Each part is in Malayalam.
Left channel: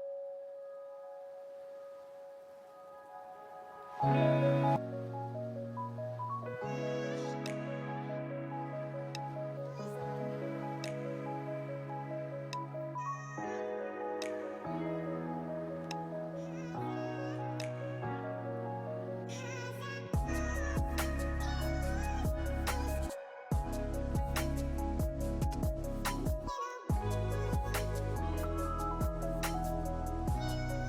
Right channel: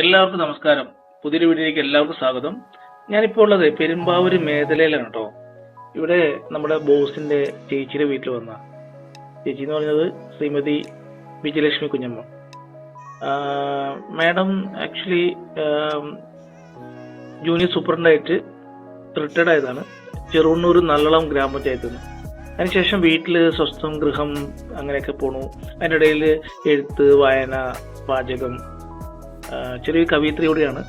എല്ലാവർക്കും നമസ്കാരം. പുതിയൊരു വീഡിയോയിലേക്ക് എല്ലാവർക്കും സ്വാഗതം. ഞാനിപ്പോൾ ഉള്ളത് പെരുമ്പാവൂര് മേഖലയിലാണ് കേട്ടോ. ഇവിടെ നമ്മുടെ ബോസിന്റെ ചേച്ചിയുടെ വീട്ടിൽ വന്ന ചേച്ചി എന്ന് പറയുന്നത് ശ്രീമതി വിജയലക്ഷ്മി കുഞ്ഞമ്മ. മാഡം ആക്ച്വലി ജൂനിയർ സൂപ്രണ്ടായിട്ട് റിട്ടയർഡ് ആയതാണ് ചെറുവണ്ണൂർ നല്ലളം ഗ്രാമപഞ്ചായത്തിൽ നിന്ന്. അതിനുശേഷം വീട്ടിൽ സ്വസ്ഥം ഗൃഹം അങ്ങനെയൊക്കെ പോണു. അതിൻ്റെ ഇടയിൽ എഴുത്ത്, വായന, പാചകം, ചെറിയ കവിയത്രി കൂടിയാണ്.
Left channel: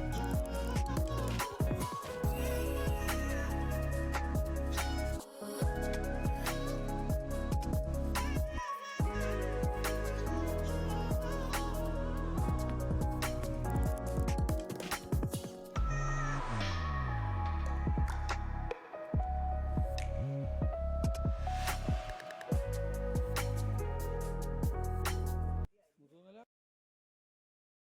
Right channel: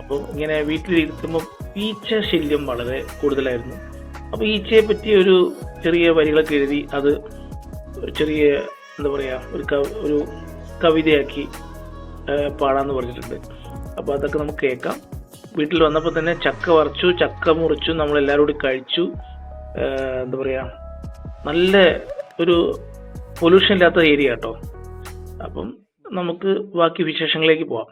അപ്പോൾ ഇങ്ങനെ വീട്ടിലിരിക്കുമ്പോൾ ഈച്ച ശല്യം വളരെ കൂടുതലായിരുന്നു. അപ്പോൾ ഈച്ചയെ പറ്റി ഒരു ചെറിയ വരികളൊക്കെ എഴുതി അത് ഒരു ചെറിയ എന്താ പറയുക ഒരു കവിതയാക്കി പാടാന്ന് പറഞ്ഞിട്ടുണ്ട്. അപ്പോൾ അതൊക്കെ നമുക്ക് കേൾക്കാം. വീട്ടിൽ വന്നപ്പോൾ തന്നെ ചക്ക വറച്ചു, ചക്ക മുറിച്ചു, നമ്മളെല്ലാവരും കൂടി കഴിച്ചു. എന്താ പറയുക, നല്ല ഒരു പൊല്യൂഷൻ ഇല്ലാത്ത ഏരിയ കേട്ടോ. അപ്പം നമുക്ക് ബാക്കി വിശേഷങ്ങളിലേക്ക് പോവാം.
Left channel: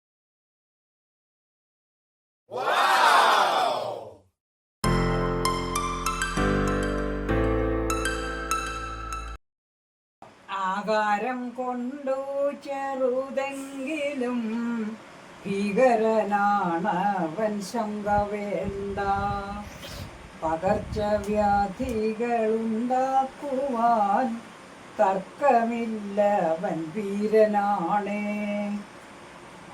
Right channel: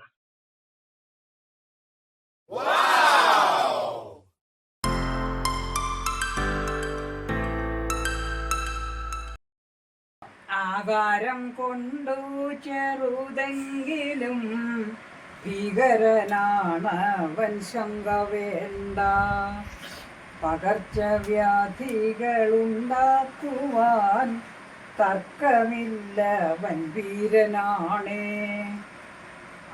ആകാരം കൊണ്ടു ചെറുതെങ്കിലും ഭീകരനാണവൻ, ശങ്ക വേണ്ട. പകർച്ചവ്യാധികളുണ്ടാക്കുവാൻ തർക്കമില്ലവൻ, വീരനാണേ.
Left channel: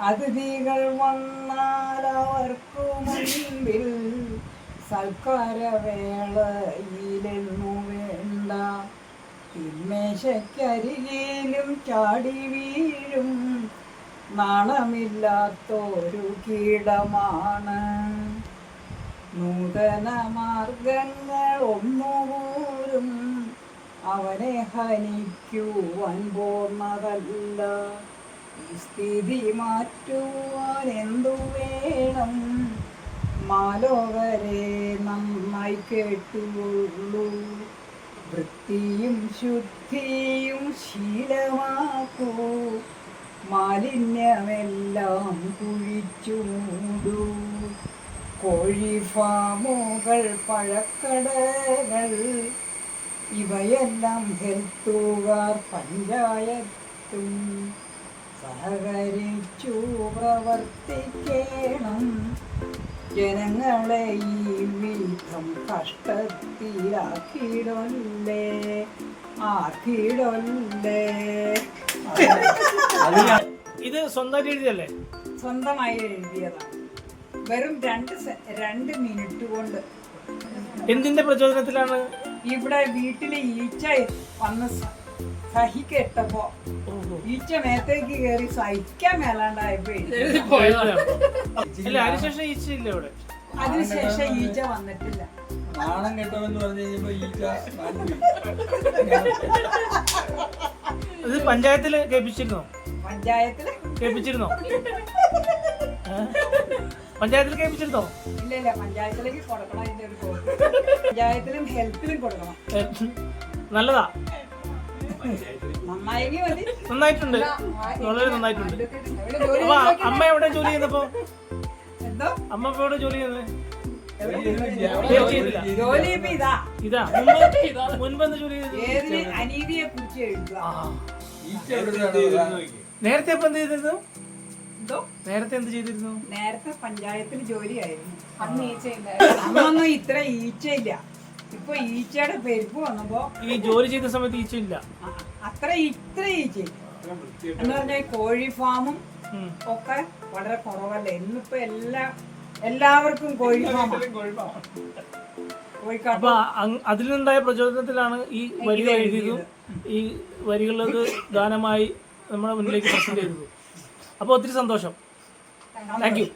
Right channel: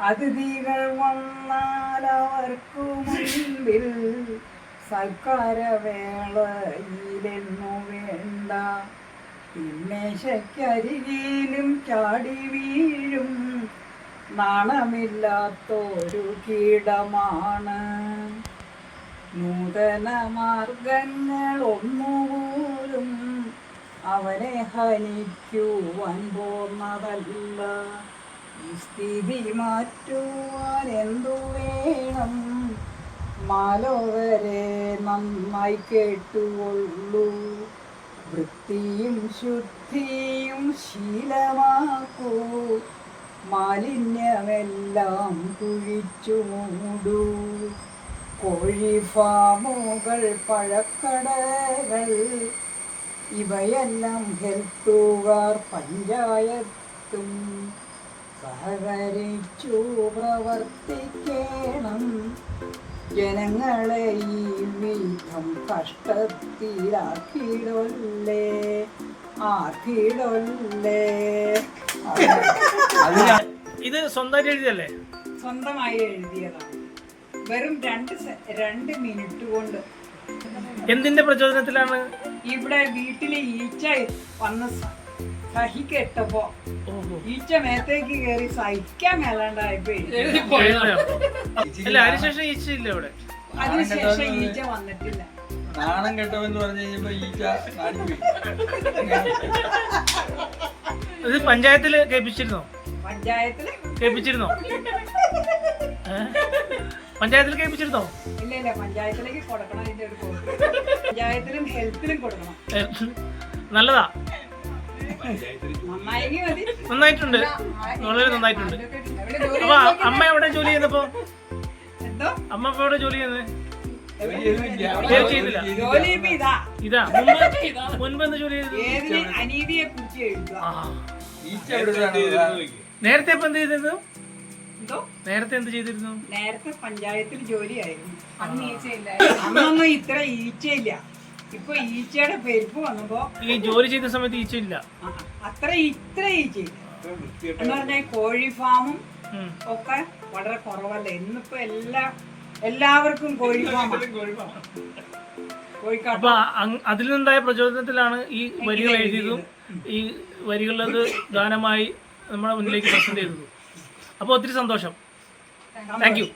അതിഥികൾ വന്നാൽ അവർക്കു മുൻപിൽ സൽക്കാരവേളയിലെന്നു വേണ്ട. തിന്മേശക്കരികിലും ചാടി വീഴും നാണമില്ലാത്തൊരു കീടമാണ്. നൂതന മാർഗങ്ങൾ ഒന്നുപോലും അവനെ ഹനിക്കുവാൻ പോന്നതല്ല. ഈ സ്ഥിതി മാറ്റുവാൻ എന്തു വേണം? മാലോകരെ നന്നായി കേട്ടുകൊള്ളൂ. വൃത്തിയും ശുദ്ധിയും ശീലമാക്കൂ. മാലിന്യമെല്ലാം കുഴിച്ചു മൂടൂ. കോഴി ഫാമുകൾ, പഴക്കടകൾ, ഇവയെല്ലാം ഹെൽത്തുകാർ പഞ്ചായത്തും സഹകരിച്ചു പ്രവർത്തിക്കണം. ജനങ്ങളെ ഈ വിധം കഷ്ടത്തിലാക്കിയിടൊല്ലേ, ആക്കിയിടൊല്ലേ. ഇത് സ്വന്തമായിട്ട് എഴുതിയല്ലേ? സ്വന്തമായി എഴുതിയതാണ്. വെറും രണ്ട് മിനിറ്റ് കൊണ്ട്. എന്തിന്റെ പ്രചോദനത്തിലാണ്? ഇവിടെ വീട്ടില് ഈച്ച വന്ന് സഹിക്കെട്ടപ്പോ ഈച്ച മേത്തേക്ക് കയറി സഹിക്കാൻ മേലാണ്ടായപ്പോ അതിനുശേഷം ഈച്ച ഇല്ല ഇവിടെ. അതിനുശേഷം ഈച്ച വന്നിട്ടില്ല. നാണം കെട്ടവെന്ന് പറഞ്ഞു കഴിഞ്ഞപ്പോ ഈച്ച ഇത് പഞ്ചായത്തില് കേൾപ്പിച്ചിരുന്നോ? കേൾപ്പിച്ചിരുന്നോ? പഞ്ചായത്തിൽ കേൾപ്പിച്ചിരുന്നോ? ഇല്ല, പഞ്ചായത്തിലേക്ക് കൊടുക്കണം. ഇതിന്റെ ഒരു പഞ്ചായത്തിലും ഹെൽത്തിലും കൊടുക്കണം. നല്ലതാ, നന്നായിട്ടുണ്ട്, വളരെ നന്നായിട്ടുണ്ട്. അപ്പൊ അമ്മ എവിടെ ജോലി ചെയ്യുന്നപ്പോ? അമ്മ ഇപ്പൊ എവിടെ ജോലി ചെയ്യുന്നത്? ഇതാ മുൻപ് എന്താ ജോലി ചെയ്തത്? നേരത്തെ ഇപ്പൊ എന്ത് ചെയ്തിരുന്നു? നേരത്തെ എന്ത് ചെയ്തിരുന്നു? നേരത്തെ പഞ്ചായത്തിൽ ജോലിയായിരുന്നു. അന്നൊന്നും ഇത്ര ഈച്ചയില്ല. ഇപ്പൊ ഈച്ചയുടെ പെരുപ്പ് വന്നപ്പോ ഈ ജോലി ചെയ്ത സമയത്ത് ഈച്ച ഇല്ല. ഇത്ര ഈച്ച എന്ന് പറഞ്ഞാൽ കോഴി ഫാമും ഒക്കെ വളരെ കുറവല്ലേ. ഇന്നിപ്പോ എല്ലാവർക്കും കോഴി ഫാമാണ്. അപ്പൊ അതിൽ നിന്നുണ്ടായ പ്രചോദനത്തിലാണ് ഈ വരികൾ എഴുതിയതും ഈ വരികളത് ഗാനമായി നമ്മുടെ മുന്നിലേക്ക് പ്രസന്റ് ചെയ്തതും. അപ്പോൾ ഒത്തിരി സന്തോഷം. Thank you.